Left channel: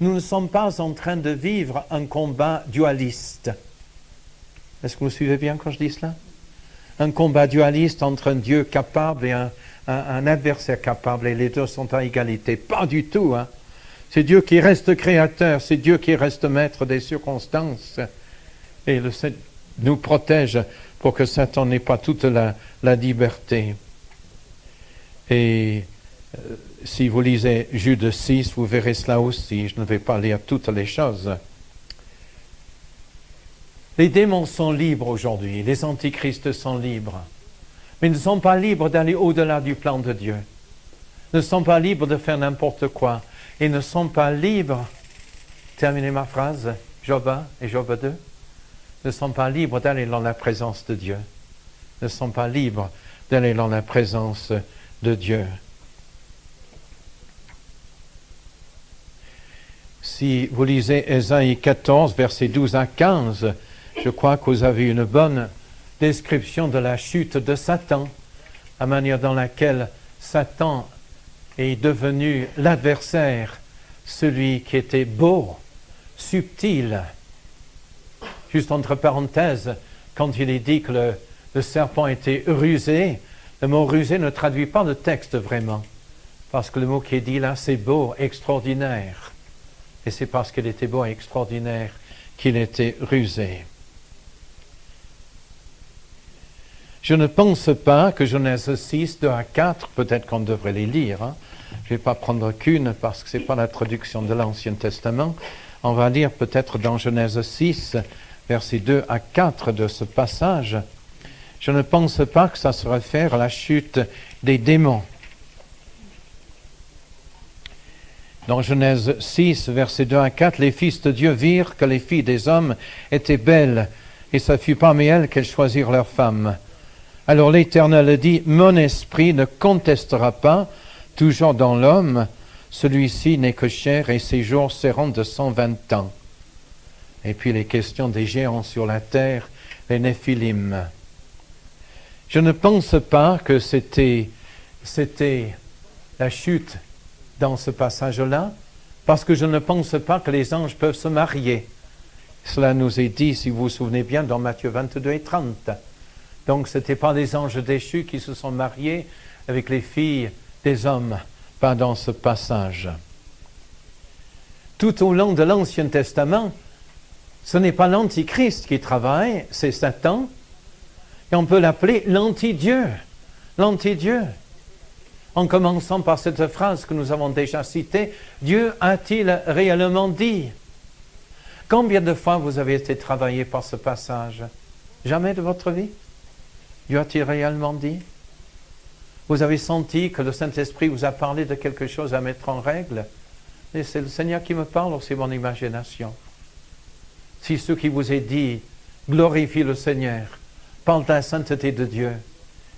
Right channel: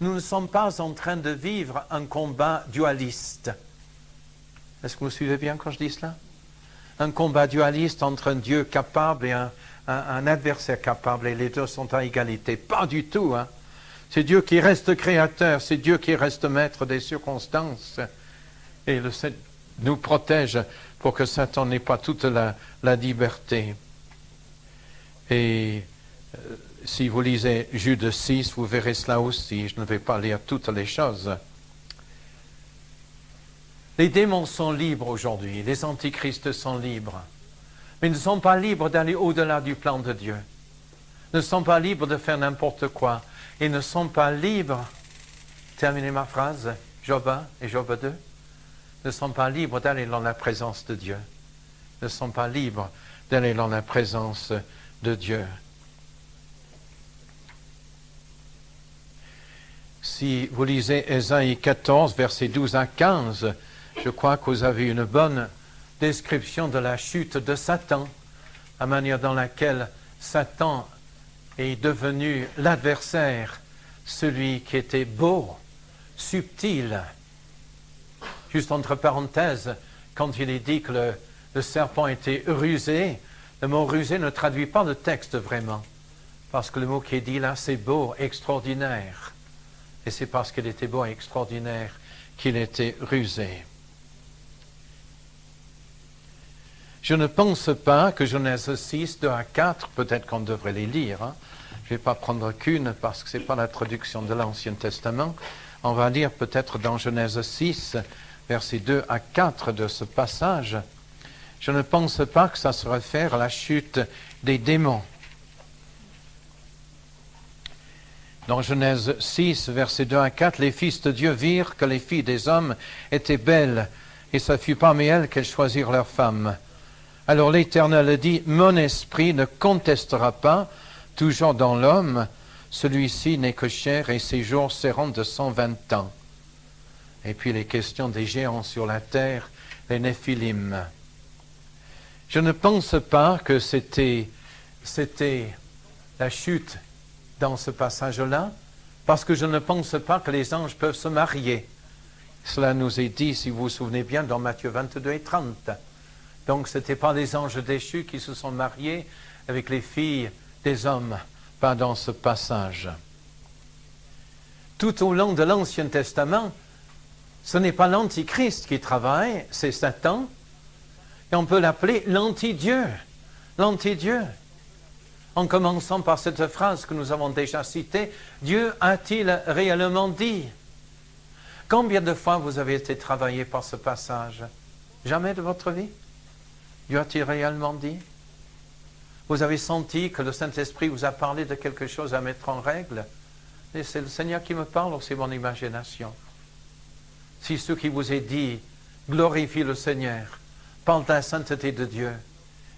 Nous ne sommes pas en train de vivre un combat dualiste. Est-ce que vous suivez bien quand je dis cela? Un combat dualiste entre un Dieu capable et un adversaire capable, et les deux sont à égalité. Pas du tout, hein. C'est Dieu qui reste créateur, c'est Dieu qui reste maître des circonstances. Et le Seigneur nous protège pour que Satan n'ait pas toute la liberté. Et si vous lisez Jude 6, vous verrez cela aussi. Je ne vais pas lire toutes les choses. Les démons sont libres aujourd'hui, les antichrists sont libres. Mais ils ne sont pas libres d'aller au-delà du plan de Dieu. Ils ne sont pas libres de faire n'importe quoi. Ils ne sont pas libres, terminez ma phrase, Job 1 et Job 2, ne sont pas libres d'aller dans la présence de Dieu. Ne sont pas libres d'aller dans la présence de Dieu. Si vous lisez Ésaïe 14, versets 12 à 15, je crois que vous avez une bonne description de la chute de Satan, la manière dans laquelle Satan est devenu l'adversaire, celui qui était beau, subtil. Juste entre parenthèses, quand il est dit que le serpent était rusé, le mot rusé ne traduit pas le texte vraiment, parce que le mot qui est dit là, c'est beau, extraordinaire. Et c'est parce qu'il était beau et extraordinaire qu'il était rusé. Je ne pense pas que Genèse 6, 2 à 4, peut-être qu'on devrait les lire, hein. Je ne vais pas prendre qu'une parce que ce n'est pas la traduction de l'Ancien Testament. On va lire peut-être dans Genèse 6, versets 2 à 4 de ce passage. Je ne pense pas que ça se réfère à la chute des démons. Dans Genèse 6, versets 2 à 4, les fils de Dieu virent que les filles des hommes étaient belles, et ce fut parmi elles qu'elles choisirent leurs femmes. Alors l'Éternel dit, mon esprit ne contestera pas, toujours dans l'homme, celui-ci n'est que chair et ses jours seront de 120 ans. Et puis les questions des géants sur la terre, les Néphilim. Je ne pense pas que c'était la chute dans ce passage-là, parce que je ne pense pas que les anges peuvent se marier. Cela nous est dit, si vous vous souvenez bien, dans Matthieu 22 et 30. Donc ce n'étaient pas les anges déchus qui se sont mariés avec les filles des hommes, pas dans ce passage. Tout au long de l'Ancien Testament, ce n'est pas l'Antichrist qui travaille, c'est Satan, et on peut l'appeler l'anti-Dieu, l'anti-Dieu. En commençant par cette phrase que nous avons déjà citée, Dieu a-t-il réellement dit? Combien de fois vous avez été travaillé par ce passage? Jamais de votre vie? Dieu a-t-il réellement dit? Vous avez senti que le Saint-Esprit vous a parlé de quelque chose à mettre en règle? Et c'est le Seigneur qui me parle ou c'est mon imagination? Si ce qui vous est dit glorifie le Seigneur, parle de la sainteté de Dieu,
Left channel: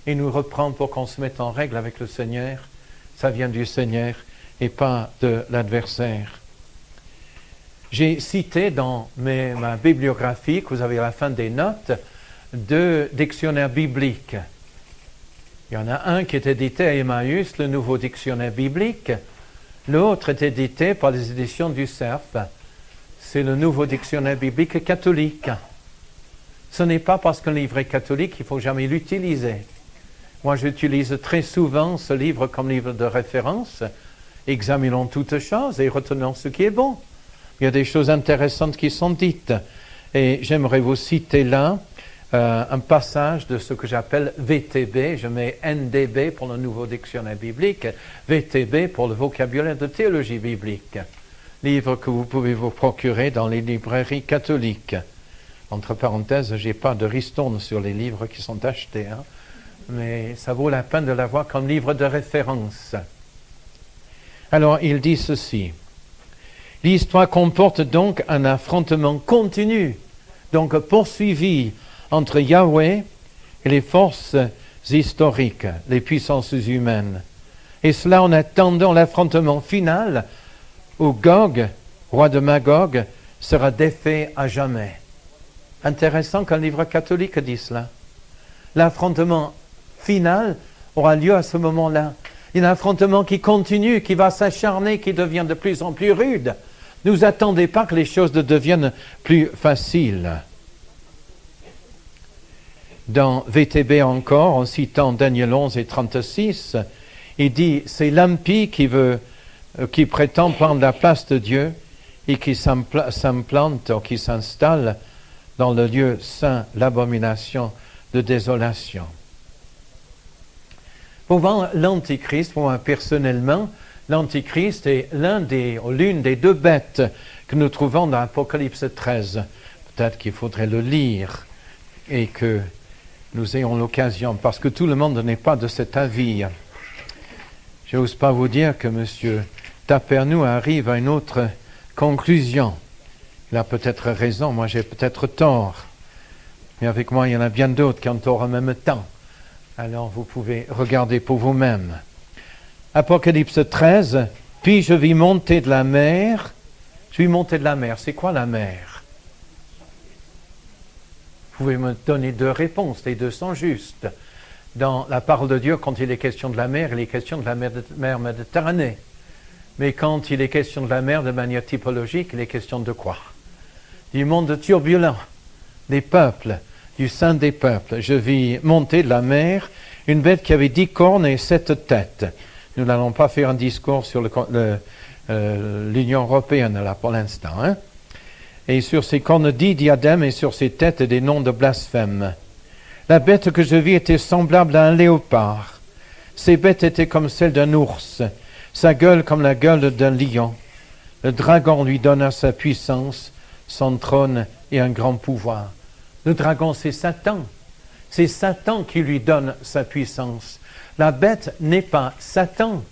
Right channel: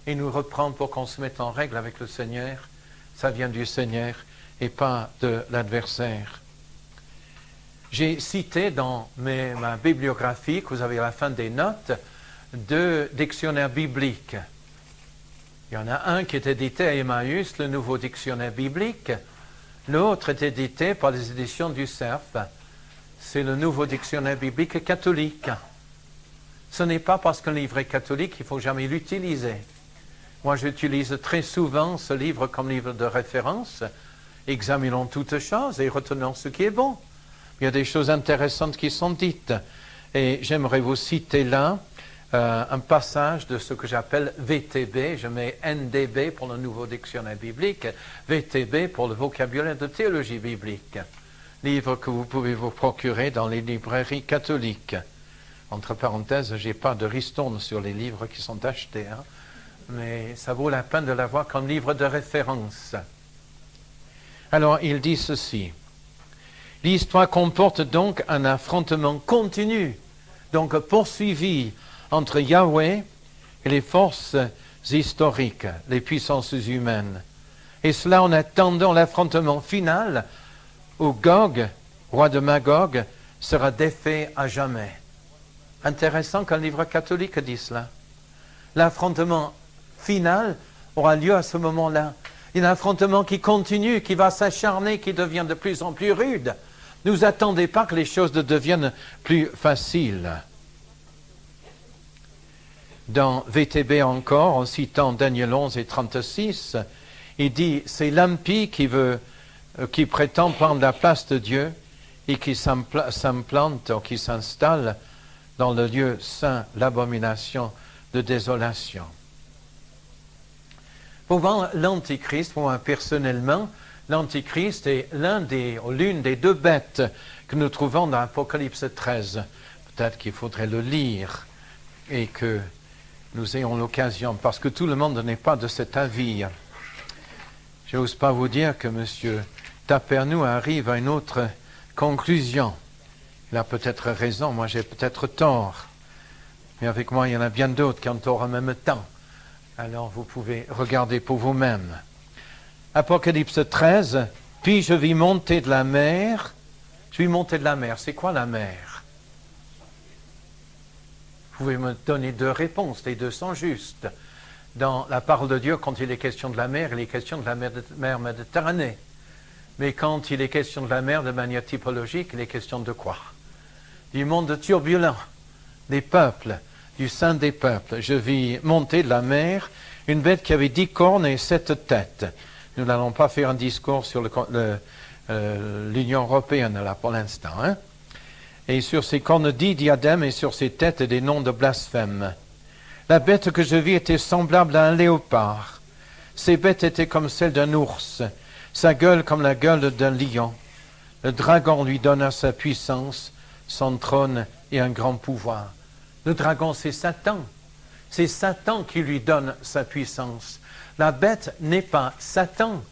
et nous reprend pour qu'on se mette en règle avec le Seigneur, ça vient du Seigneur et pas de l'adversaire. J'ai cité dans ma bibliographie, que vous avez à la fin des notes, 2 dictionnaires bibliques. Il y en a un qui est édité à Emmaüs, le nouveau dictionnaire biblique. L'autre est édité par les éditions du Cerf. C'est le nouveau dictionnaire biblique catholique. Ce n'est pas parce qu'un livre est catholique qu'il ne faut jamais l'utiliser. Moi, j'utilise très souvent ce livre comme livre de référence. Examinons toutes choses et retenons ce qui est bon. Il y a des choses intéressantes qui sont dites. Et j'aimerais vous citer là un passage de ce que j'appelle VTB. Je mets NDB pour le nouveau dictionnaire biblique, VTB pour le vocabulaire de théologie biblique. Livre que vous pouvez vous procurer dans les librairies catholiques. Entre parenthèses, je n'ai pas de ristourne sur les livres qui sont achetés, hein. Mais ça vaut la peine de l'avoir comme livre de référence. Alors, il dit ceci. L'histoire comporte donc un affrontement continu, donc poursuivi entre Yahweh et les forces historiques, les puissances humaines. Et cela en attendant l'affrontement final où Gog, roi de Magog, sera défait à jamais. Intéressant qu'un livre catholique dise cela. L'affrontement final aura lieu à ce moment-là. Il y a un affrontement qui continue, qui va s'acharner, qui devient de plus en plus rude. Ne vous attendez pas que les choses deviennent plus faciles. Dans VTB encore, en citant Daniel 11 et 36, il dit, c'est l'impie qui prétend prendre la place de Dieu et qui s'implante ou qui s'installe dans le lieu saint, l'abomination de désolation. Pour moi, l'Antichrist, pour moi personnellement, l'Antichrist est l'une des deux bêtes que nous trouvons dans Apocalypse 13. Peut-être qu'il faudrait le lire et que nous ayons l'occasion, parce que tout le monde n'est pas de cet avis. Je n'ose pas vous dire que M. Tapernou arrive à une autre conclusion. Il a peut-être raison, moi j'ai peut-être tort. Mais avec moi, il y en a bien d'autres qui ont tort en même temps. Alors vous pouvez regarder pour vous-même. Apocalypse 13, puis je vis monter de la mer. Je vis monter de la mer. C'est quoi la mer? Vous pouvez me donner deux réponses, les deux sont justes. Dans la parole de Dieu, quand il est question de la mer, il est question de la mer Méditerranée. Mais quand il est question de la mer de manière typologique, il est question de quoi? Du monde turbulent, des peuples, du sein des peuples. Je vis monter de la mer une bête qui avait 10 cornes et 7 têtes. Nous n'allons pas faire un discours sur l'Union européenne là pour l'instant. Hein? Et sur ses cornes 10 diadèmes et sur ses têtes des noms de blasphème. La bête que je vis était semblable à un léopard. Ses bêtes étaient comme celles d'un ours, sa gueule comme la gueule d'un lion. Le dragon lui donna sa puissance, son trône et un grand pouvoir. Le dragon, c'est Satan. C'est Satan qui lui donne sa puissance. La bête n'est pas Satan.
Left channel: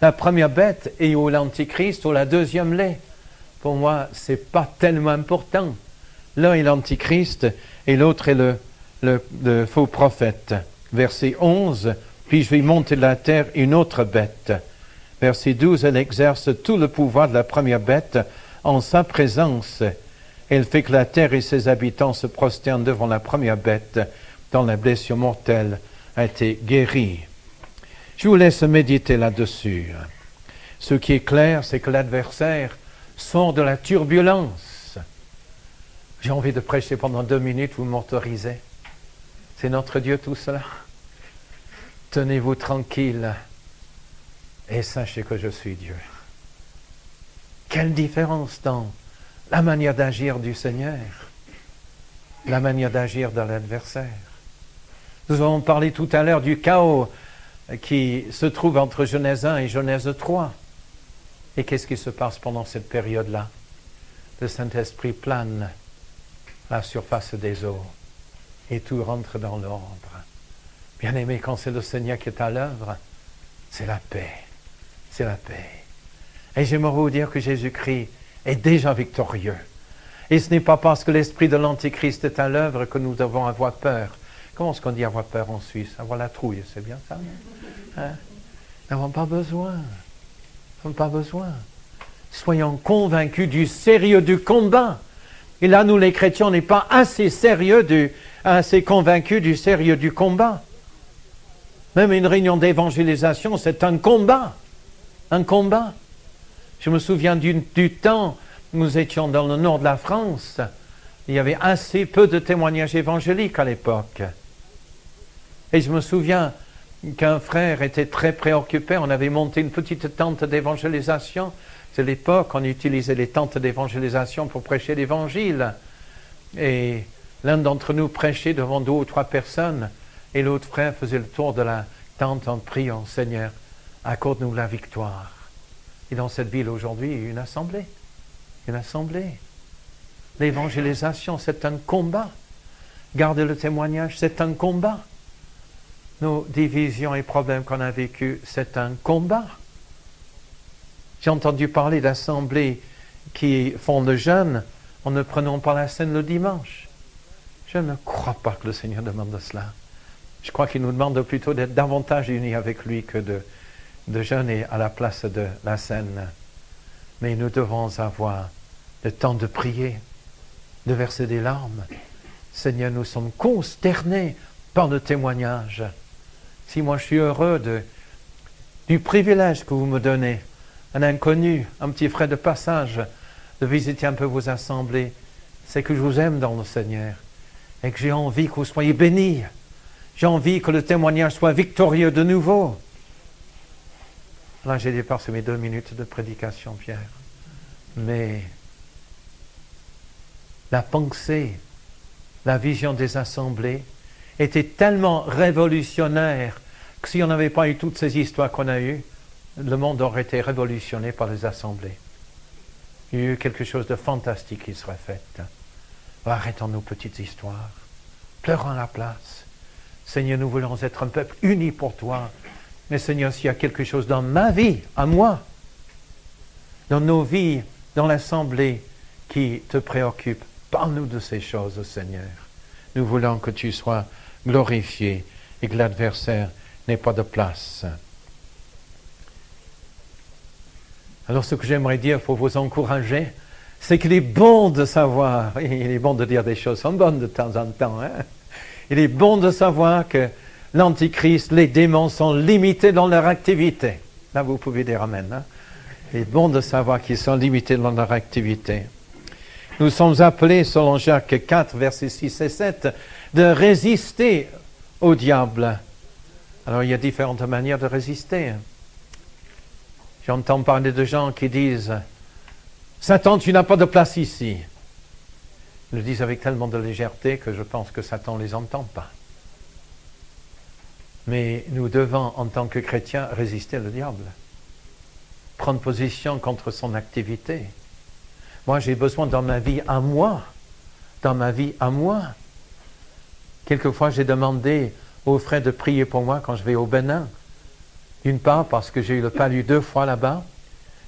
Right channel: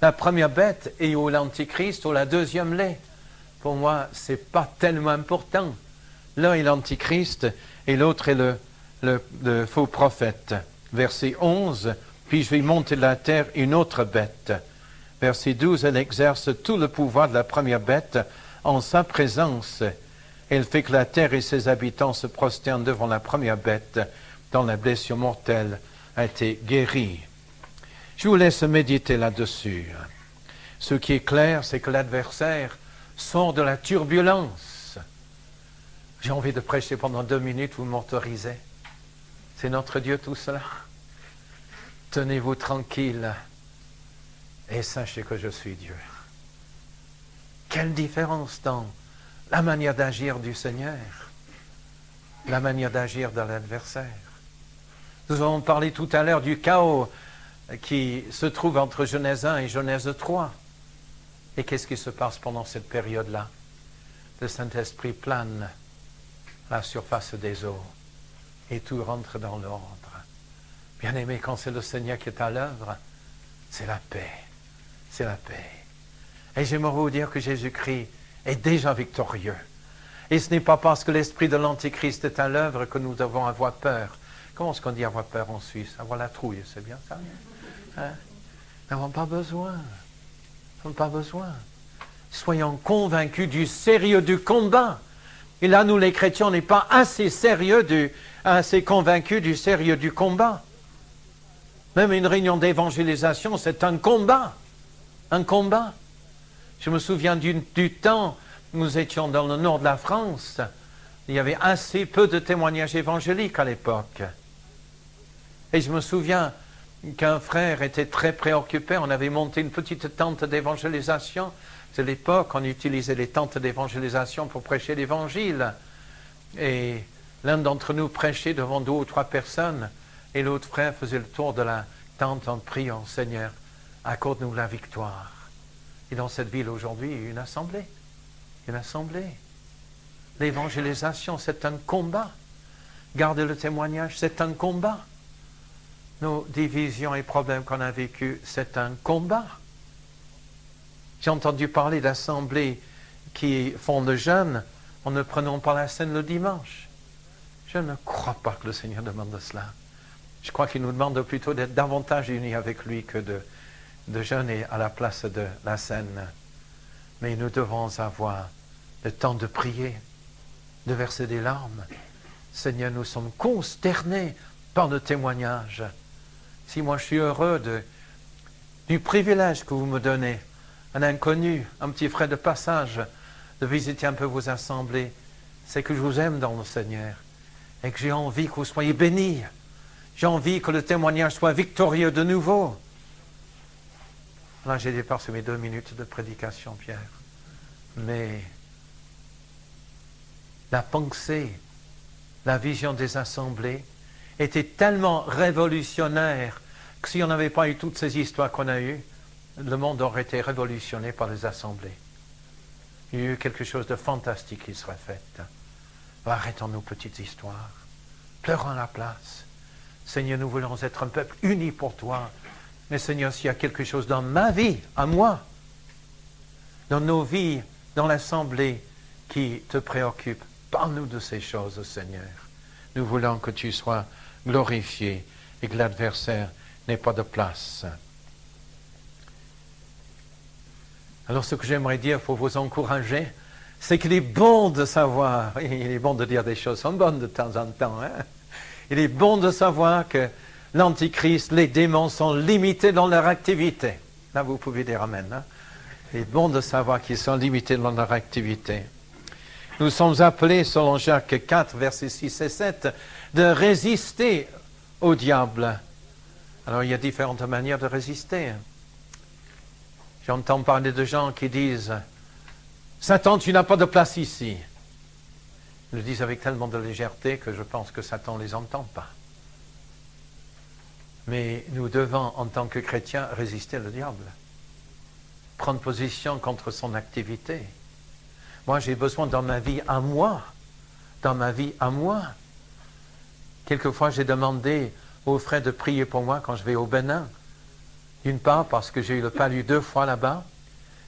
La première bête est ou l'Antichrist ou la deuxième l'est. Pour moi, c'est pas tellement important. L'un est l'Antichrist et l'autre est le faux prophète. Verset 11, puis je vais monter de la terre une autre bête. Verset 12, elle exerce tout le pouvoir de la première bête en sa présence. Elle fait que la terre et ses habitants se prosternent devant la première bête dont la blessure mortelle a été guérie. Je vous laisse méditer là-dessus. Ce qui est clair, c'est que l'adversaire sort de la turbulence. J'ai envie de prêcher pendant 2 minutes, vous m'autorisez? C'est notre Dieu tout cela. Tenez-vous tranquille et sachez que je suis Dieu. Quelle différence dans la manière d'agir du Seigneur, la manière d'agir de l'adversaire. Nous avons parlé tout à l'heure du chaos qui se trouve entre Genèse 1 et Genèse 3. Et qu'est-ce qui se passe pendant cette période-là? Le Saint-Esprit plane à la surface des eaux et tout rentre dans l'ordre. Bien-aimé, quand c'est le Seigneur qui est à l'œuvre, c'est la paix. C'est la paix. Et j'aimerais vous dire que Jésus-Christ est déjà victorieux. Et ce n'est pas parce que l'esprit de l'Antichrist est à l'œuvre que nous devons avoir peur. Comment est-ce qu'on dit avoir peur en Suisse? Avoir la trouille, c'est bien ça? Hein? Nous n'avons pas besoin. Nous n'avons pas besoin. Soyons convaincus du sérieux du combat. Et là, nous les chrétiens, on n'est pas assez sérieux, assez convaincus du sérieux du combat. Même une réunion d'évangélisation, c'est un combat. Un combat. Je me souviens du temps où nous étions dans le nord de la France. Il y avait assez peu de témoignages évangéliques à l'époque. Et je me souviens qu'un frère était très préoccupé. On avait monté une petite tente d'évangélisation. C'est l'époque, on utilisait les tentes d'évangélisation pour prêcher l'évangile. Et l'un d'entre nous prêchait devant 2 ou 3 personnes. Et l'autre frère faisait le tour de la tente en priant, Seigneur, accorde-nous la victoire. Et dans cette ville aujourd'hui, il y a une assemblée. Une assemblée. L'évangélisation, c'est un combat. Garder le témoignage, c'est un combat. Nos divisions et problèmes qu'on a vécus, c'est un combat. J'ai entendu parler d'assemblées qui font le jeûne en ne prenant pas la scène le dimanche. Je ne crois pas que le Seigneur demande cela. Je crois qu'il nous demande plutôt d'être davantage unis avec lui que de jeûner à la place de la scène. Mais nous devons avoir le temps de prier, de verser des larmes. Seigneur, nous sommes consternés par le témoignage. Si moi je suis heureux du privilège que vous me donnez un inconnu, un petit frère de passage, de visiter un peu vos assemblées, c'est que je vous aime dans le Seigneur et que j'ai envie que vous soyez bénis. J'ai envie que le témoignage soit victorieux de nouveau. Là, j'ai dépassé mes 2 minutes de prédication, Pierre. Mais la pensée, la vision des assemblées était tellement révolutionnaire que si on n'avait pas eu toutes ces histoires qu'on a eues, le monde aurait été révolutionné par les assemblées. Il y a eu quelque chose de fantastique qui serait fait. Arrêtons nos petites histoires. Pleurons à la place. Seigneur, nous voulons être un peuple uni pour toi. Mais Seigneur, s'il y a quelque chose dans ma vie, à moi, dans nos vies, dans l'assemblée, qui te préoccupe, parle-nous de ces choses, Seigneur. Nous voulons que tu sois glorifié et que l'adversaire n'ait pas de place. Alors ce que j'aimerais dire pour vous encourager, c'est qu'il est bon de savoir, il est bon de dire des choses qui sont bonnes de temps en temps, hein? Il est bon de savoir que l'Antichrist, les démons sont limités dans leur activité. Là, vous pouvez dire Amen. Hein? Il est bon de savoir qu'ils sont limités dans leur activité. Nous sommes appelés, selon Jacques 4, versets 6 et 7, de résister au diable. Alors, il y a différentes manières de résister. J'entends parler de gens qui disent « Satan, tu n'as pas de place ici ». Ils le disent avec tellement de légèreté que je pense que Satan ne les entend pas. Mais nous devons, en tant que chrétiens, résister au diable. Prendre position contre son activité. Moi, j'ai besoin dans ma vie à moi. Quelquefois, j'ai demandé aux frères de prier pour moi quand je vais au Bénin. D'une part, parce que j'ai eu le palu 2 fois là-bas.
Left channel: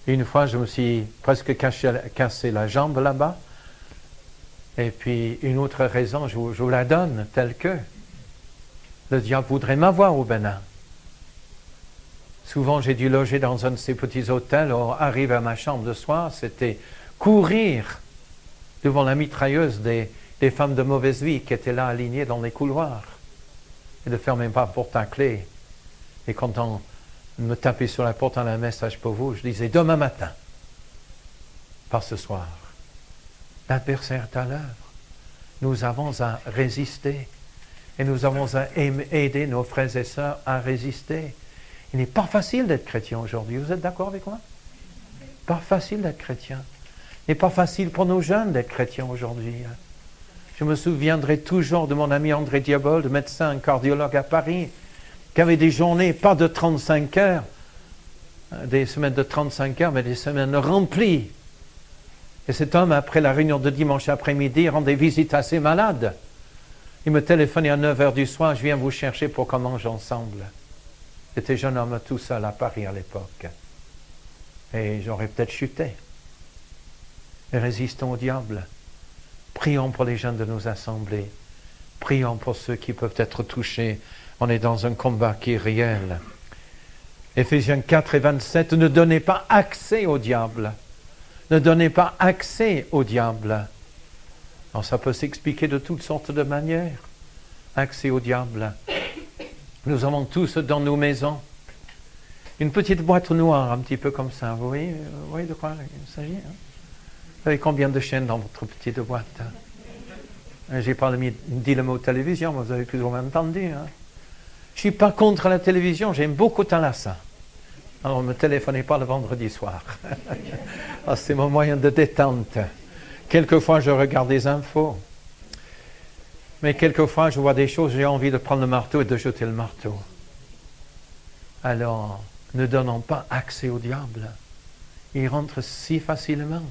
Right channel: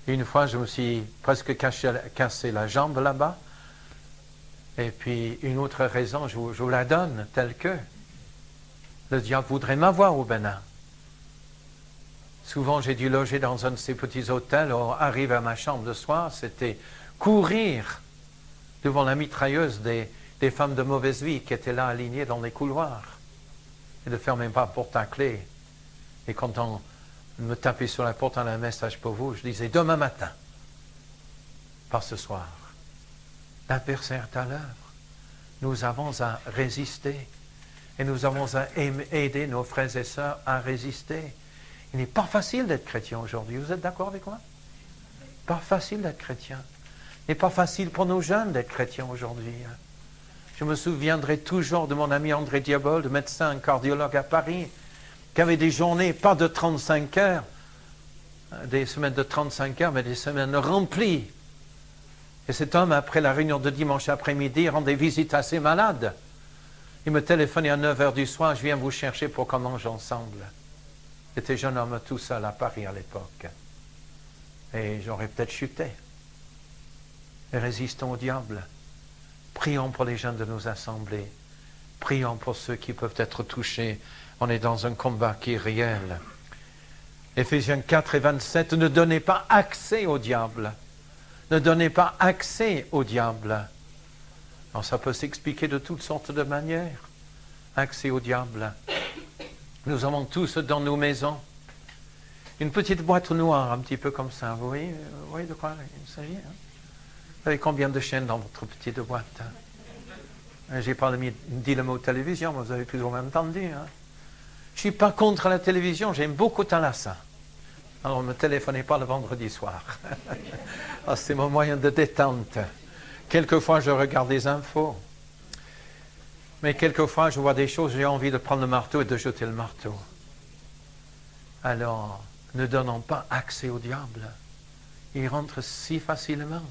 Une fois, je me suis presque cassé la jambe là-bas. Et puis, une autre raison, je vous la donne, telle que le diable voudrait m'avoir au Bénin. Souvent, j'ai dû loger dans un de ces petits hôtels. On arrive à ma chambre le soir, c'était courir devant la mitrailleuse des femmes de mauvaise vie qui étaient là alignées dans les couloirs. Et ne fermer pas la porte à clé. Et quand on me tapait sur la porte en un message pour vous, je disais demain matin, pas ce soir. L'adversaire est à l'heure. Nous avons à résister. Et nous avons à aider nos frères et sœurs à résister. Il n'est pas facile d'être chrétien aujourd'hui. Vous êtes d'accord avec moi? Pas facile d'être chrétien. Il n'est pas facile pour nos jeunes d'être chrétiens aujourd'hui. Je me souviendrai toujours de mon ami André Diabol, de médecin cardiologue à Paris, qui avait des journées, pas de 35 heures, des semaines de 35 heures, mais des semaines remplies. Et cet homme, après la réunion de dimanche après-midi, rendait visite à ses malades. Il me téléphonait à 9 heures du soir, je viens vous chercher pour qu'on mange ensemble. J'étais jeune homme tout seul à Paris à l'époque. Et j'aurais peut-être chuté. Et résistons au diable. Prions pour les jeunes de nos assemblées. Prions pour ceux qui peuvent être touchés. On est dans un combat qui est réel. Éphésiens 4 et 27, ne donnez pas accès au diable. Ne donnez pas accès au diable. Alors ça peut s'expliquer de toutes sortes de manières. Accès au diable. Nous avons tous dans nos maisons une petite boîte noire, un petit peu comme ça. Vous voyez de quoi il s'agit, hein? Vous avez combien de chaînes dans votre petite boîte, hein? J'ai pas dit le mot télévision, mais vous avez plus ou moins entendu. Hein? Je ne suis pas contre la télévision, j'aime beaucoup Thalassa. Alors ne me téléphonez pas le vendredi soir. C'est mon moyen de détente. Quelquefois, je regarde des infos. Mais quelquefois, je vois des choses, j'ai envie de prendre le marteau et de jeter le marteau. Alors, ne donnons pas accès au diable. Il rentre si facilement.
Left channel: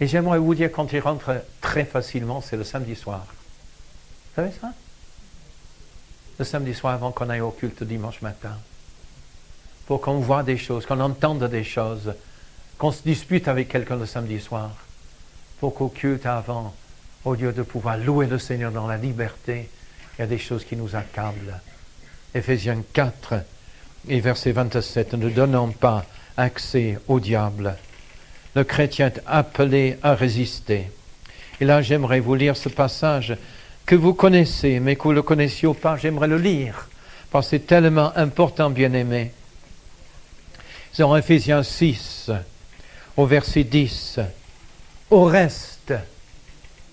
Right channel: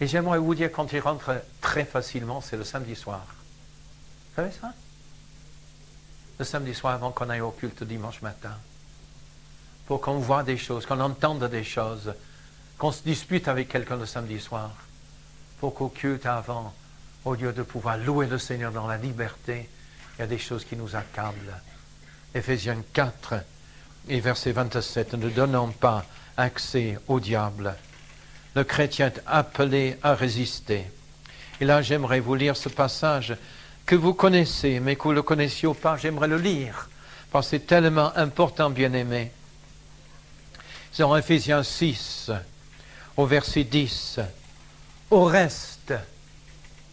Et j'aimerais vous dire, quand il rentre très facilement, c'est le samedi soir. Vous savez ça? Le samedi soir, avant qu'on aille au culte dimanche matin. Pour qu'on voit des choses, qu'on entende des choses, qu'on se dispute avec quelqu'un le samedi soir. Pour qu'au culte avant, au lieu de pouvoir louer le Seigneur dans la liberté, il y a des choses qui nous accablent. Éphésiens 4 et verset 27, ne donnons pas accès au diable. Le chrétien est appelé à résister. Et là, j'aimerais vous lire ce passage que vous connaissez, mais que vous ne le connaissiez pas. J'aimerais le lire, parce que c'est tellement important, bien-aimé. Dans Ephésiens 6, au verset 10, au reste,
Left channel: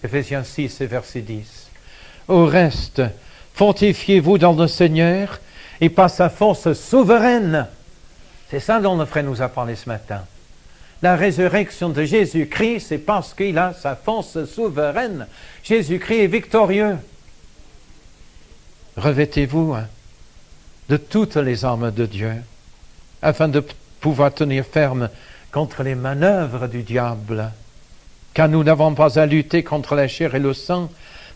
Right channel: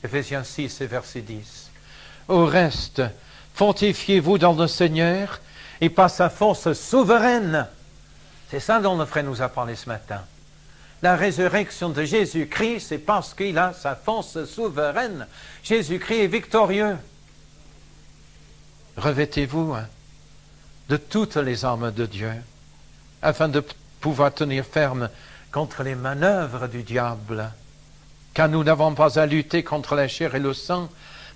Ephésiens 6 et verset 10, au reste, fortifiez-vous dans le Seigneur et par sa force souveraine. C'est ça dont le frère nous a parlé ce matin. La résurrection de Jésus-Christ, c'est parce qu'il a sa force souveraine. Jésus-Christ est victorieux. Revêtez-vous de toutes les armes de Dieu, afin de pouvoir tenir ferme contre les manœuvres du diable. Car nous n'avons pas à lutter contre la chair et le sang,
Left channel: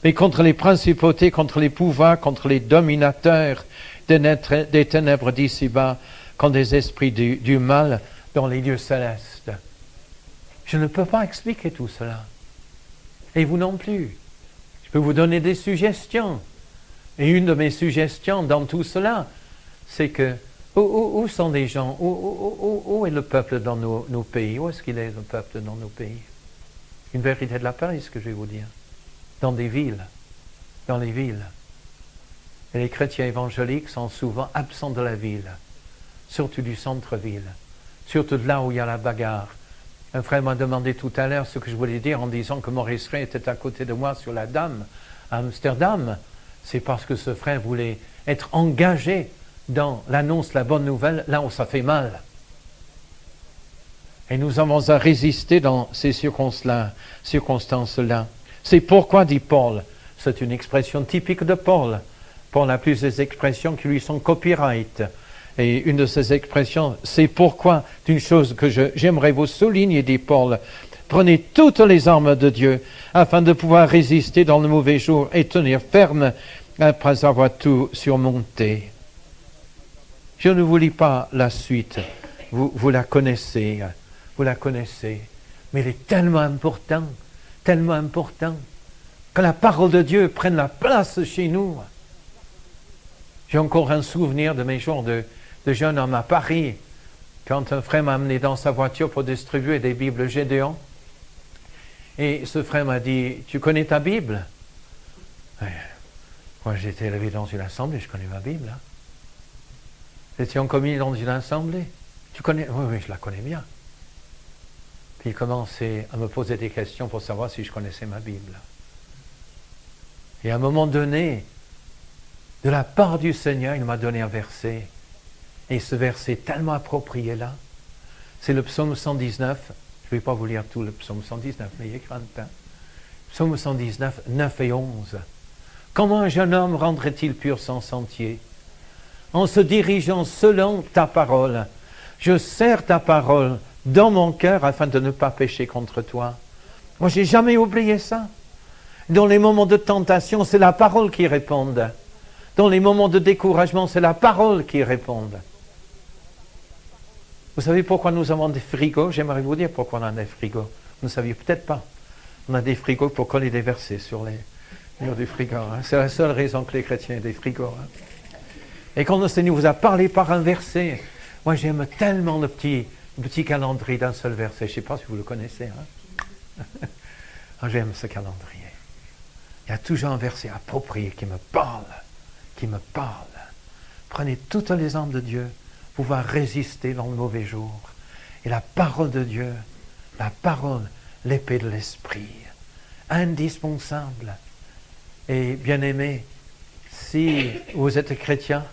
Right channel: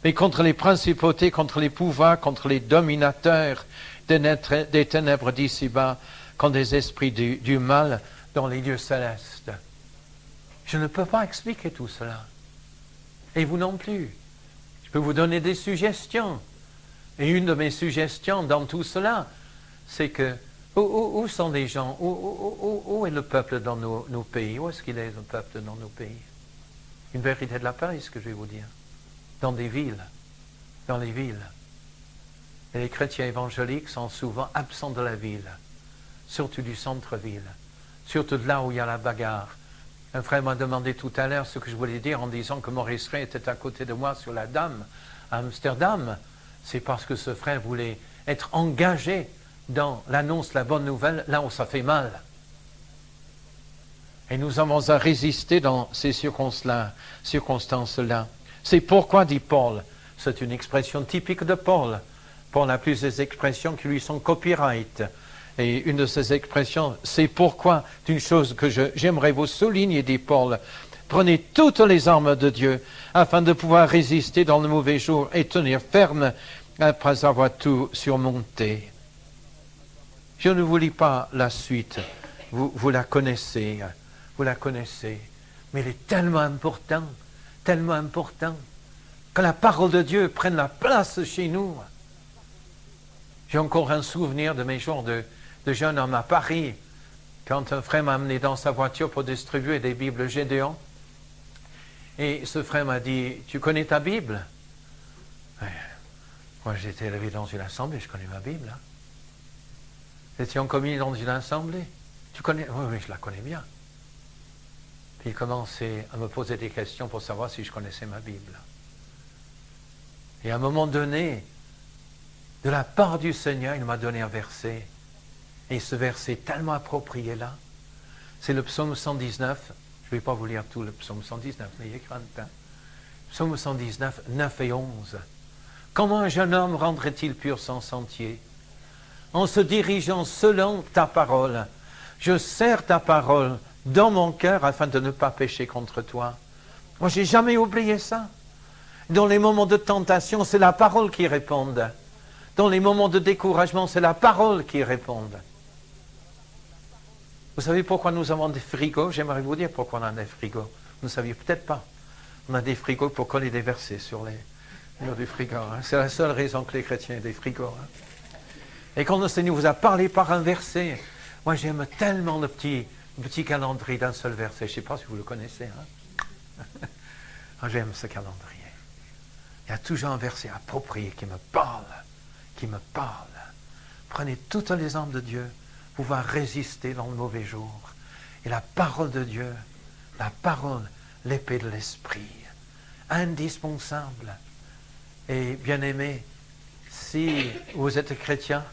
mais contre les principautés, contre les pouvoirs, contre les dominateurs des ténèbres d'ici-bas, contre les esprits du mal dans les lieux célestes. Je ne peux pas expliquer tout cela. Et vous non plus. Je peux vous donner des suggestions. Et une de mes suggestions dans tout cela, c'est que où sont les gens, où est le peuple dans nos pays? Où est-ce qu'il est, le peuple dans nos pays? Une vérité de la parole, ce que je vais vous dire. Dans des villes. Dans les villes. Et les chrétiens évangéliques sont souvent absents de la ville. Surtout du centre-ville. Surtout de là où il y a la bagarre. Un frère m'a demandé tout à l'heure ce que je voulais dire en disant que Maurice Ray était à côté de moi sur la Dame à Amsterdam. C'est parce que ce frère voulait être engagé dans l'annonce de la bonne nouvelle, là où ça fait mal. Et nous avons à résister dans ces circonstances-là. C'est pourquoi, dit Paul, c'est une expression typique de Paul. Paul a plusieurs expressions qui lui sont copyright. Et une de ces expressions, c'est pourquoi, d'une chose que j'aimerais vous souligner, dit Paul, prenez toutes les armes de Dieu, afin de pouvoir résister dans le mauvais jour et tenir ferme après avoir tout surmonté. Je ne vous lis pas la suite, vous la connaissez, mais il est tellement important, que la parole de Dieu prenne la place chez nous. J'ai encore un souvenir de mes jours de jeune homme à Paris, quand un frère m'a amené dans sa voiture pour distribuer des Bibles Gédéon. Et ce frère m'a dit, tu connais ta Bible? Moi, j'ai été élevé dans une assemblée, je connais ma Bible. Hein. J'étais en communion dans une assemblée. Tu connais? Oui, je la connais bien. Puis il commençait à me poser des questions pour savoir si je connaissais ma Bible. Et à un moment donné, de la part du Seigneur, il m'a donné un verset. Et ce verset tellement approprié là, c'est le psaume 119. Je ne vais pas vous lire tout le psaume 119, n'ayez crainte. Hein. Psaume 119, 9 et 11. Comment un jeune homme rendrait-il pur son sentier? En se dirigeant selon ta parole. Je serre ta parole dans mon cœur afin de ne pas pécher contre toi. Moi, j'ai jamais oublié ça. Dans les moments de tentation, c'est la parole qui répond. Dans les moments de découragement, c'est la parole qui répond. Vous savez pourquoi nous avons des frigos? J'aimerais vous dire pourquoi on a des frigos. Vous ne saviez peut-être pas. On a des frigos pour coller des versets sur les murs du frigo. Hein. C'est la seule raison que les chrétiens aient des frigos. Hein. Et quand le Seigneur vous a parlé par un verset, moi j'aime tellement le petit calendrier d'un seul verset. Je ne sais pas si vous le connaissez. Hein. J'aime ce calendrier. Il y a toujours un verset approprié qui me parle. Prenez toutes les armes de Dieu pour pouvoir résister dans le mauvais jour. Et la parole de Dieu, la parole, l'épée de l'esprit, indispensable. Et bien aimé, si vous êtes chrétien,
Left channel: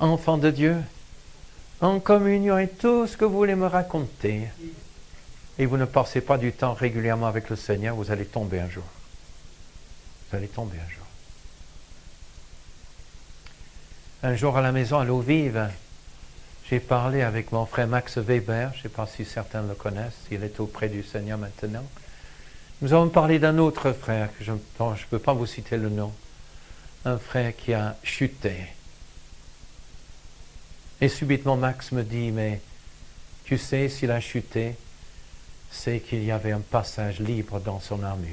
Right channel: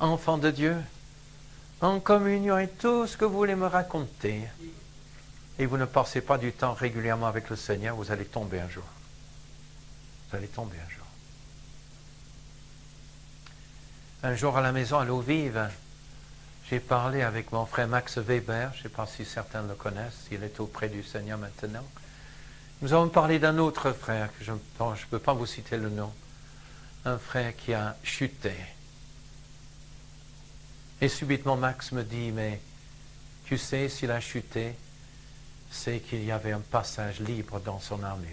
enfant de Dieu, en communion et tout ce que vous voulez me raconter, et vous ne passez pas du temps régulièrement avec le Seigneur, vous allez tomber un jour. Vous allez tomber un jour. Un jour à la maison à l'eau vive, j'ai parlé avec mon frère Max Weber, je ne sais pas si certains le connaissent, il est auprès du Seigneur maintenant. Nous avons parlé d'un autre frère, que je ne peux pas vous citer le nom, un frère qui a chuté. Et subitement Max me dit, mais tu sais, s'il a chuté, c'est qu'il y avait un passage libre dans son armure.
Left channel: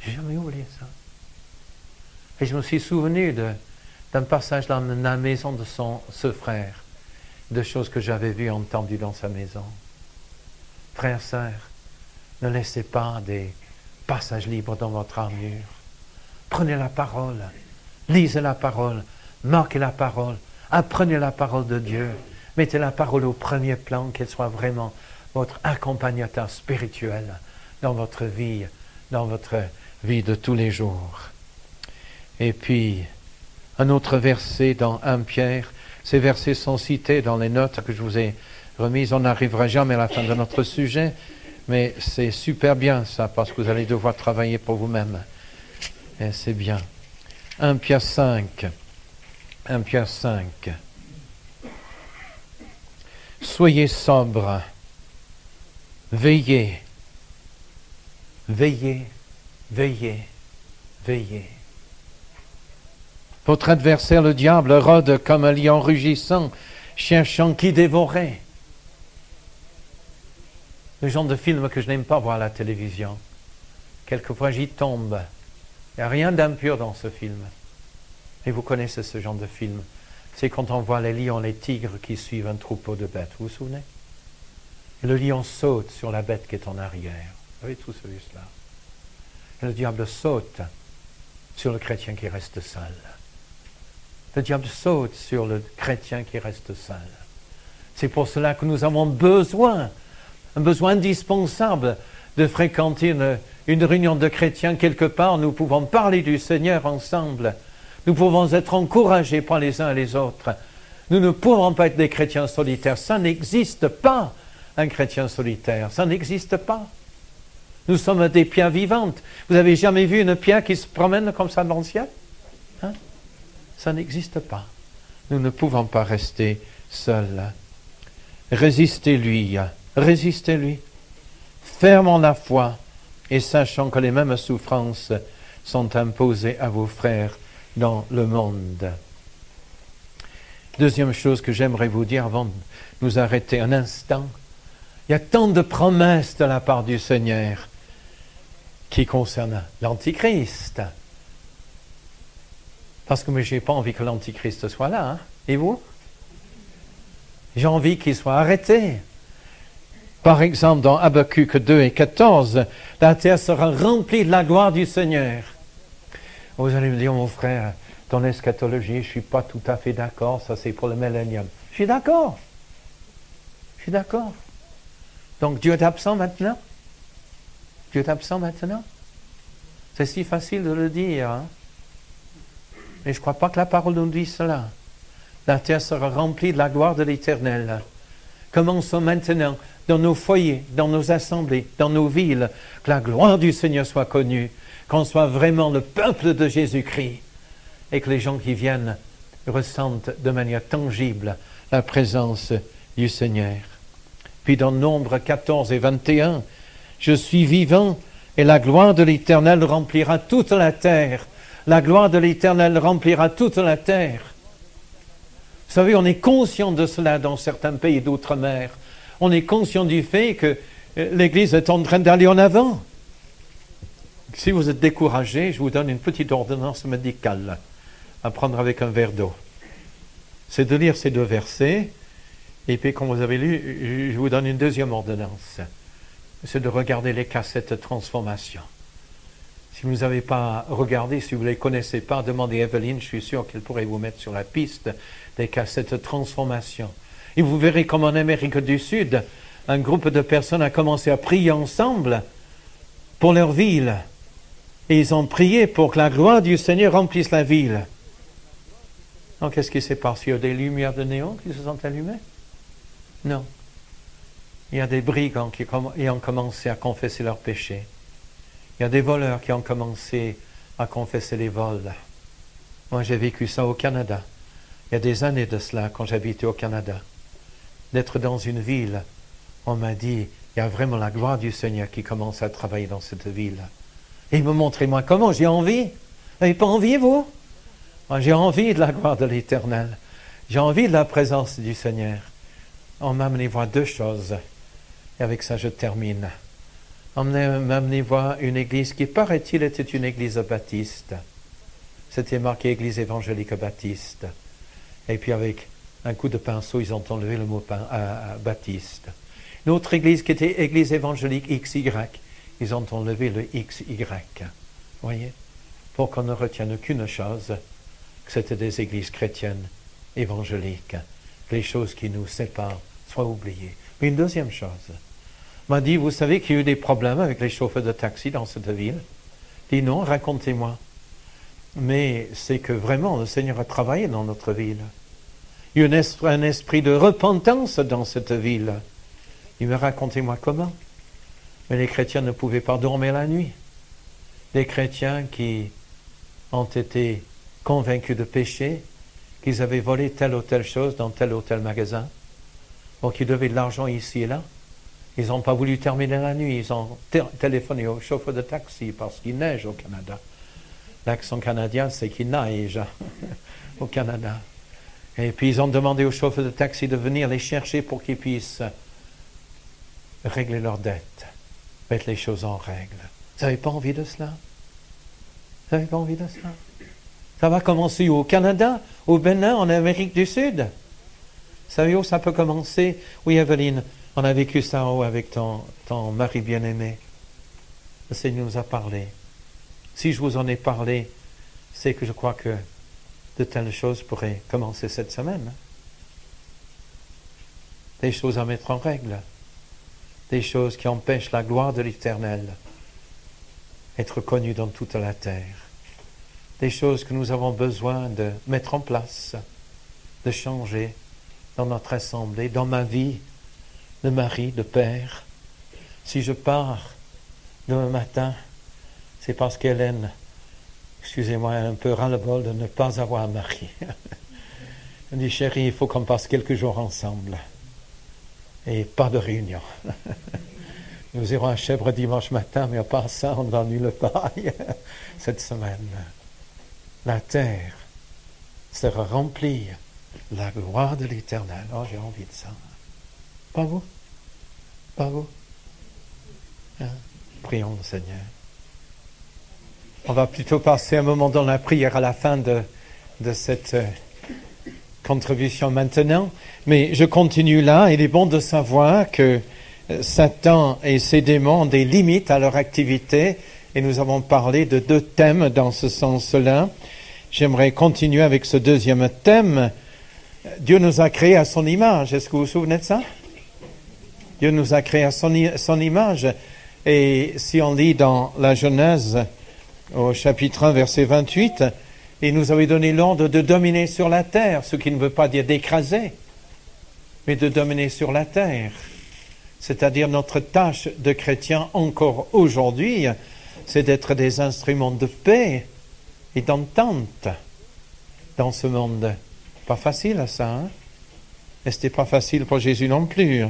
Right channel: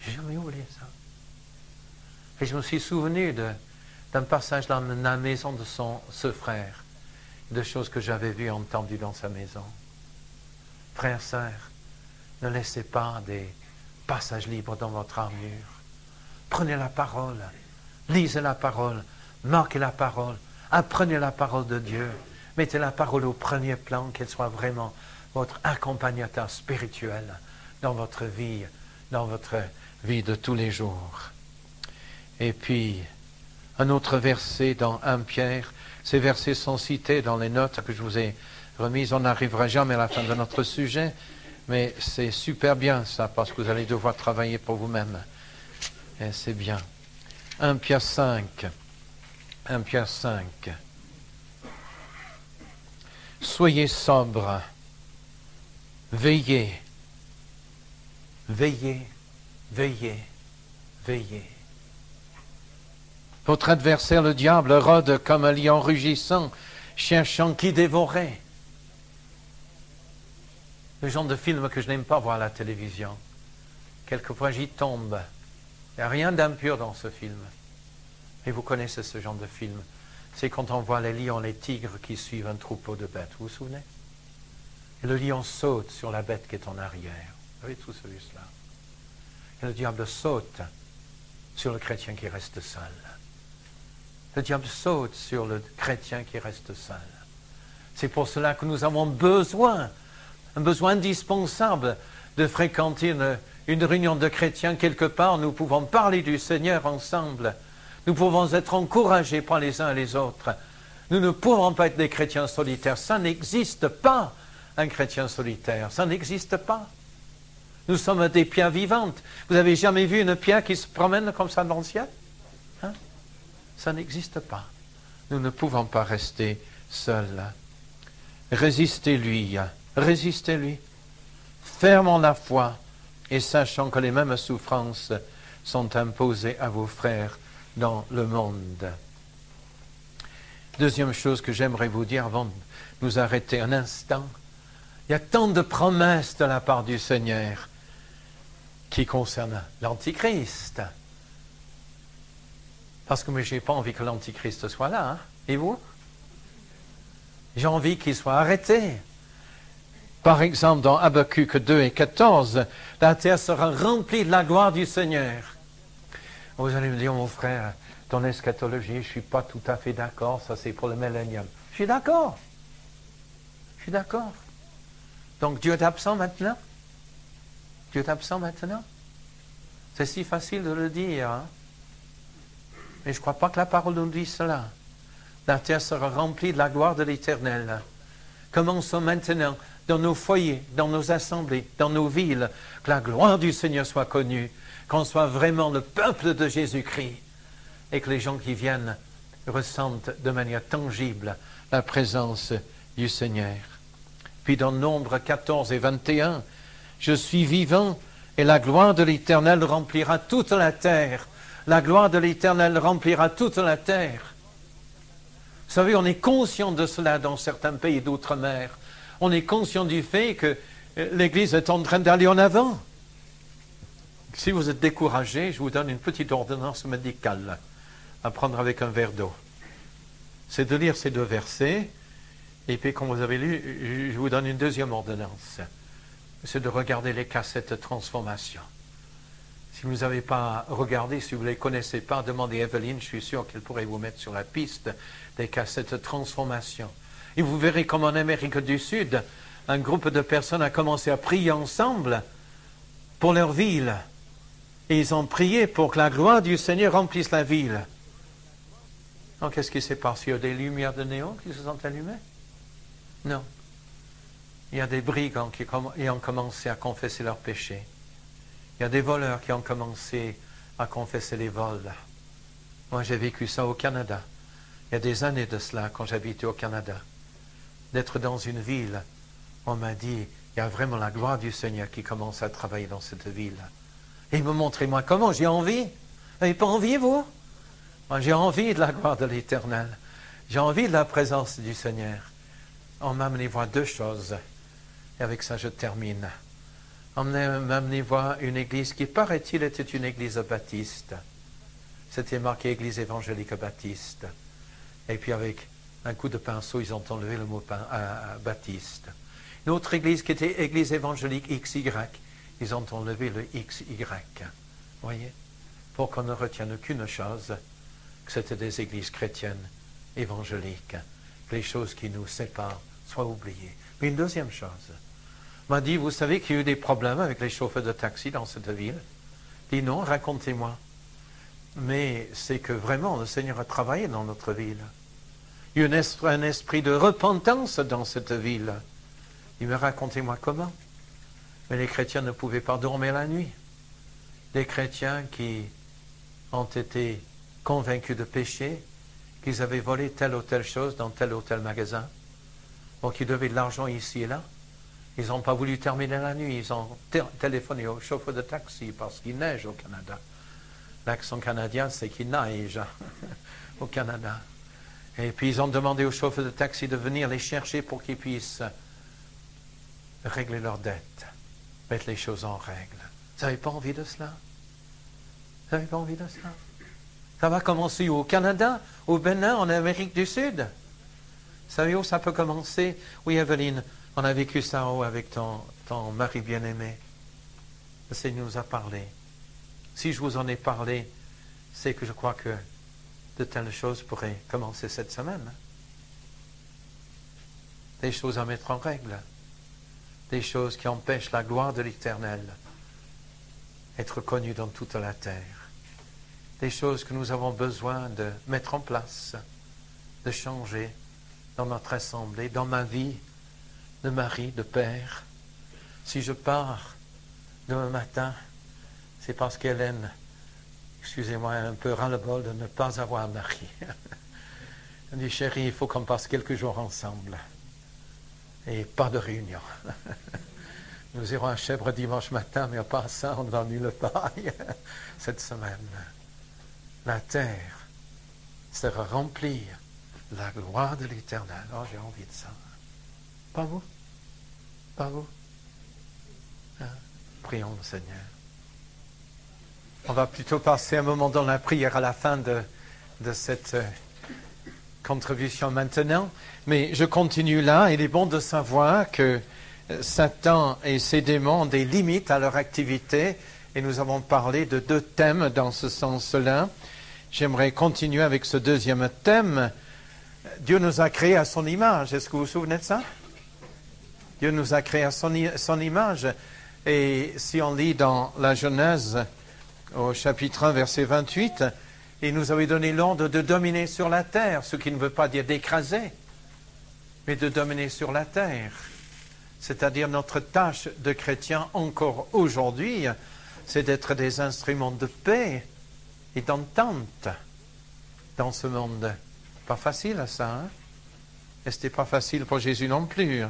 J'ai jamais oublié ça. Et je me suis souvenu d'un passage dans la maison de ce frère, de choses que j'avais vues et entendues dans sa maison. Frères, sœurs, ne laissez pas des passages libres dans votre armure. Prenez la parole, lisez la parole, marquez la parole, apprenez la parole de Dieu, Mettez la parole au premier plan, qu'elle soit vraiment votre accompagnateur spirituel dans votre vie de tous les jours. Et puis, un autre verset dans 1 Pierre, ces versets sont cités dans les notes que je vous ai remises. On n'arrivera jamais à la fin de notre sujet, mais c'est super bien ça, parce que vous allez devoir travailler pour vous-même. Et c'est bien. 1 Pierre 5. 1 Pierre 5. Soyez sobres, veillez, veillez, veillez, veillez. Votre adversaire, le diable, rôde comme un lion rugissant, cherchant qui dévorer. Le genre de film que je n'aime pas voir à la télévision. Quelquefois j'y tombe. Il n'y a rien d'impur dans ce film. Et vous connaissez ce genre de film. C'est quand on voit les lions, les tigres qui suivent un troupeau de bêtes. Vous vous souvenez? Et le lion saute sur la bête qui est en arrière. Vous avez tout celui-là. Et le diable saute sur le chrétien qui reste seul. Le diable saute sur le chrétien qui reste seul. C'est pour cela que nous avons besoin, un besoin indispensable de fréquenter une réunion de chrétiens quelque part. Nous pouvons parler du Seigneur ensemble. Nous pouvons être encouragés par les uns et les autres. Nous ne pouvons pas être des chrétiens solitaires. Ça n'existe pas, un chrétien solitaire. Ça n'existe pas. Nous sommes des pierres vivantes. Vous avez jamais vu une pierre qui se promène comme ça dans le ciel? Hein? Ça n'existe pas. Nous ne pouvons pas rester seuls. Résistez-lui. Résistez-lui. Fermons la foi et sachant que les mêmes souffrances sont imposées à vos frères dans le monde. Deuxième chose que j'aimerais vous dire avant de nous arrêter un instant, il y a tant de promesses de la part du Seigneur qui concernent l'Antichrist. Parce que moi, je n'ai pas envie que l'Antichrist soit là. Hein? Et vous? J'ai envie qu'il soit arrêté. Par exemple, dans Habakkuk 2 et 14, la terre sera remplie de la gloire du Seigneur. Vous allez me dire, mon frère, ton eschatologie, je ne suis pas tout à fait d'accord, ça c'est pour le millénium. Je suis d'accord. Je suis d'accord. Donc Dieu est absent maintenant? Dieu est absent maintenant? C'est si facile de le dire. Hein? Mais je ne crois pas que la parole nous dit cela. La terre sera remplie de la gloire de l'Éternel. Commençons maintenant, dans nos foyers, dans nos assemblées, dans nos villes, que la gloire du Seigneur soit connue, qu'on soit vraiment le peuple de Jésus-Christ, et que les gens qui viennent ressentent de manière tangible la présence du Seigneur. Puis dans Nombre 14 et 21, « Je suis vivant, et la gloire de l'Éternel remplira toute la terre. » La gloire de l'Éternel remplira toute la terre. Vous savez, on est conscient de cela dans certains pays d'outre-mer. On est conscient du fait que l'Église est en train d'aller en avant. Si vous êtes découragé, je vous donne une petite ordonnance médicale à prendre avec un verre d'eau. C'est de lire ces deux versets, et puis, comme vous avez lu, je vous donne une deuxième ordonnance. C'est de regarder les cassettes Transformation. Si vous n'avez pas regardé, si vous ne les connaissez pas, demandez à Evelyne, je suis sûr qu'elle pourrait vous mettre sur la piste des cassettes Transformation. Et vous verrez comme en Amérique du Sud, un groupe de personnes a commencé à prier ensemble pour leur ville. Et ils ont prié pour que la gloire du Seigneur remplisse la ville. Donc, qu'est-ce qui s'est passé? Il y a des lumières de néon qui se sont allumées? Non. Il y a des brigands qui ont commencé à confesser leurs péchés. Il y a des voleurs qui ont commencé à confesser les vols. Moi, j'ai vécu ça au Canada. Il y a des années de cela, quand j'habitais au Canada. D'être dans une ville, on m'a dit, il y a vraiment la gloire du Seigneur qui commence à travailler dans cette ville. Et il me montrait, moi, comment j'ai envie. Vous n'avez pas envie, vous? Moi, j'ai envie de la gloire de l'Éternel. J'ai envie de la présence du Seigneur. On m'a amené voir deux choses. Et avec ça, je termine. On m'a amené voir une église qui, paraît-il, était une église baptiste. C'était marqué Église évangélique baptiste. Et puis avec un coup de pinceau, ils ont enlevé le mot baptiste. Une autre église qui était Église évangélique XY, ils ont enlevé le XY. Voyez? Pour qu'on ne retienne qu'une chose, que c'était des églises chrétiennes évangéliques. que les choses qui nous séparent soient oubliées. Mais une deuxième chose, m'a dit, vous savez qu'il y a eu des problèmes avec les chauffeurs de taxi dans cette ville? Il dit, non, racontez-moi. Mais c'est que vraiment, le Seigneur a travaillé dans notre ville. Il y a eu un esprit de repentance dans cette ville. Il me racontez-moi comment. Mais les chrétiens ne pouvaient pas dormir la nuit. Des chrétiens qui ont été convaincus de péché, qu'ils avaient volé telle ou telle chose dans tel ou tel magasin, ou qu'ils devaient de l'argent ici et là. Ils n'ont pas voulu terminer la nuit. Ils ont téléphoné au chauffeur de taxi parce qu'il neige au Canada. L'accent canadien, c'est qu'il neige au Canada. Et puis ils ont demandé au chauffeur de taxi de venir les chercher pour qu'ils puissent régler leurs dettes, mettre les choses en règle. Vous n'avez pas envie de cela? Vous n'avez pas envie de cela? Ça va commencer au Canada, au Bénin, en Amérique du Sud. Vous savez où ça peut commencer? Oui, Evelyne, on a vécu ça avec ton mari bien-aimé. Le Seigneur nous a parlé. Si je vous en ai parlé, c'est que je crois que de telles choses pourraient commencer cette semaine. Des choses à mettre en règle. Des choses qui empêchent la gloire de l'Éternel d'être connue dans toute la terre. Des choses que nous avons besoin de mettre en place, de changer dans notre assemblée, dans ma vie de mari, de père. Si je pars demain matin, c'est parce qu'Hélène, excusez-moi, un peu ras-le-bol de ne pas avoir un mari. Elle dit, chérie, il faut qu'on passe quelques jours ensemble. Et pas de réunion. Nous irons à Chèvres dimanche matin, mais pas ensemble dans nulle part cette semaine. La terre sera remplie de la gloire de l'Éternel. Oh, j'ai envie de ça. Pas vous? Pas vous? Hein? Prions le Seigneur. On va plutôt passer un moment dans la prière à la fin de cette contribution maintenant. Mais je continue là. Il est bon de savoir que Satan et ses démons ont des limites à leur activité. Et nous avons parlé de 2 thèmes dans ce sens-là. J'aimerais continuer avec ce deuxième thème. Dieu nous a créés à son image. Est-ce que vous vous souvenez de ça? Dieu nous a créés à son image. Et si on lit dans la Genèse, au chapitre 1, verset 28, « Il nous avait donné l'ordre de dominer sur la terre », ce qui ne veut pas dire d'écraser, mais de dominer sur la terre. C'est-à-dire notre tâche de chrétien encore aujourd'hui, c'est d'être des instruments de paix et d'entente dans ce monde. Pas facile à ça, hein? Et ce n'était pas facile pour Jésus non plus.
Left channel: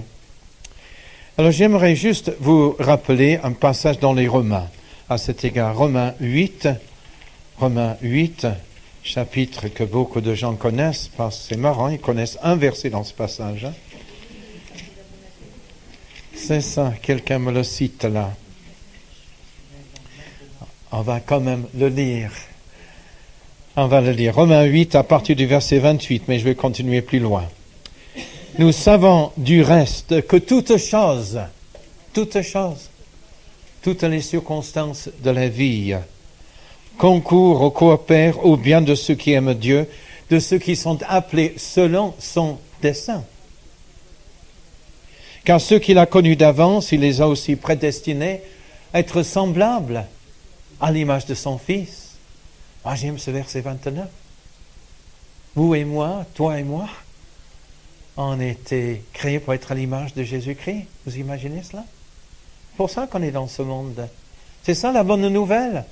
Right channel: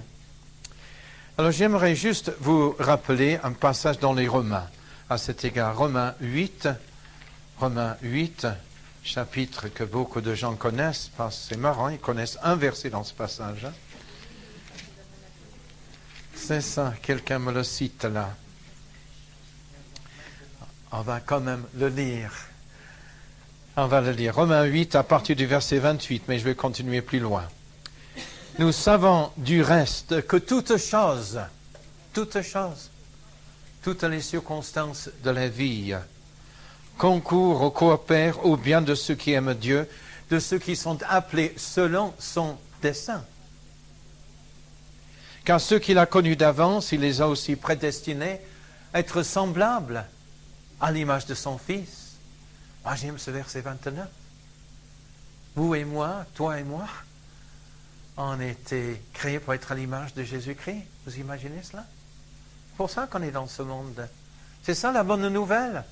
Alors j'aimerais juste vous rappeler un passage dans les Romains. À cet égard, Romains 8, chapitre que beaucoup de gens connaissent, parce que c'est marrant, ils connaissent un verset dans ce passage. Hein? C'est ça, quelqu'un me le cite là. On va quand même le lire. On va le lire. Romains 8 à partir du verset 28, mais je vais continuer plus loin. Nous savons du reste que toutes les circonstances de la vie concourent ou coopèrent au bien de ceux qui aiment Dieu, de ceux qui sont appelés selon son dessein. Car ceux qu'il a connus d'avance, il les a aussi prédestinés à être semblables à l'image de son Fils. Ah, j'aime ce verset 29. Vous et moi, toi et moi, on a été créés pour être à l'image de Jésus-Christ. Vous imaginez cela? C'est pour ça qu'on est dans ce monde. C'est ça la bonne nouvelle.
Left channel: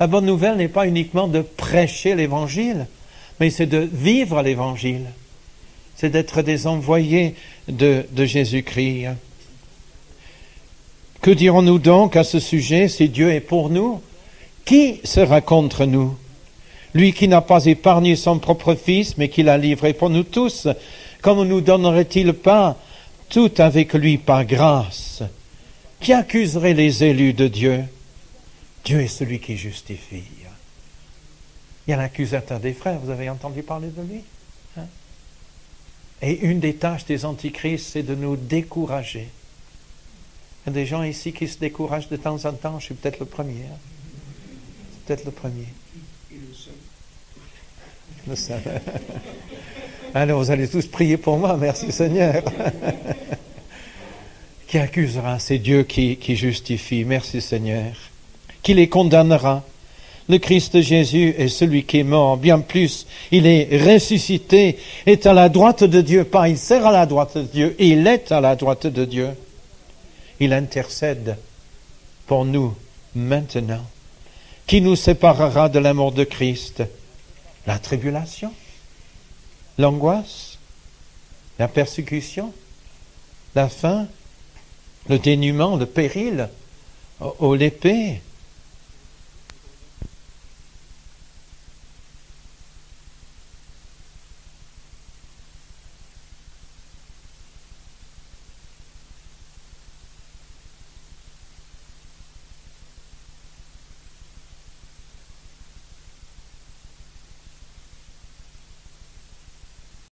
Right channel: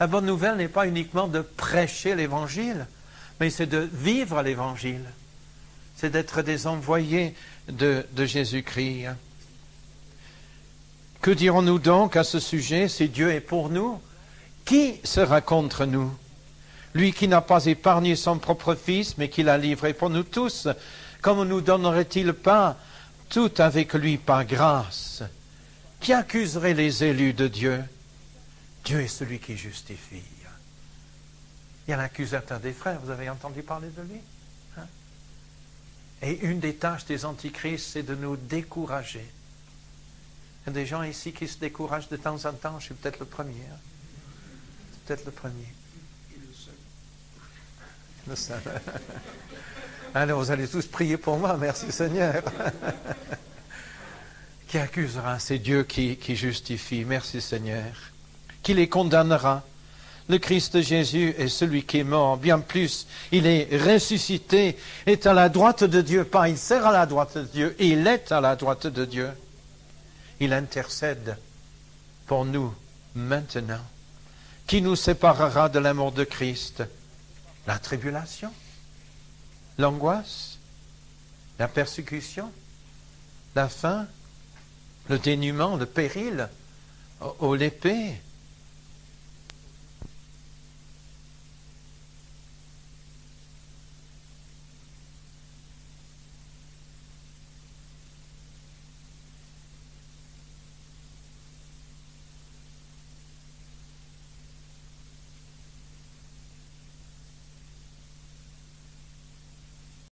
La bonne nouvelle n'est pas uniquement de prêcher l'Évangile, mais c'est de vivre l'Évangile. C'est d'être des envoyés de Jésus-Christ. Que dirons-nous donc à ce sujet? Si Dieu est pour nous, qui sera contre nous? Lui qui n'a pas épargné son propre Fils, mais qui l'a livré pour nous tous, comment nous donnerait-il pas tout avec lui par grâce? Qui accuserait les élus de Dieu? Dieu est celui qui justifie. Il y a l'accusateur des frères, vous avez entendu parler de lui? Hein? Et une des tâches des antichrists, c'est de nous décourager. Il y a des gens ici qui se découragent de temps en temps, je suis peut-être le premier. Peut-être le premier. Alors, vous allez tous prier pour moi, merci Seigneur. Qui accusera? C'est Dieu qui justifie, merci Seigneur. Qui les condamnera? Le Christ Jésus est celui qui est mort, bien plus, il est ressuscité, est à la droite de Dieu, pas il sert à la droite de Dieu, il est à la droite de Dieu. Il intercède pour nous maintenant. Qui nous séparera de l'amour de Christ? La tribulation, l'angoisse, la persécution, la faim, le dénuement, le péril, l'épée.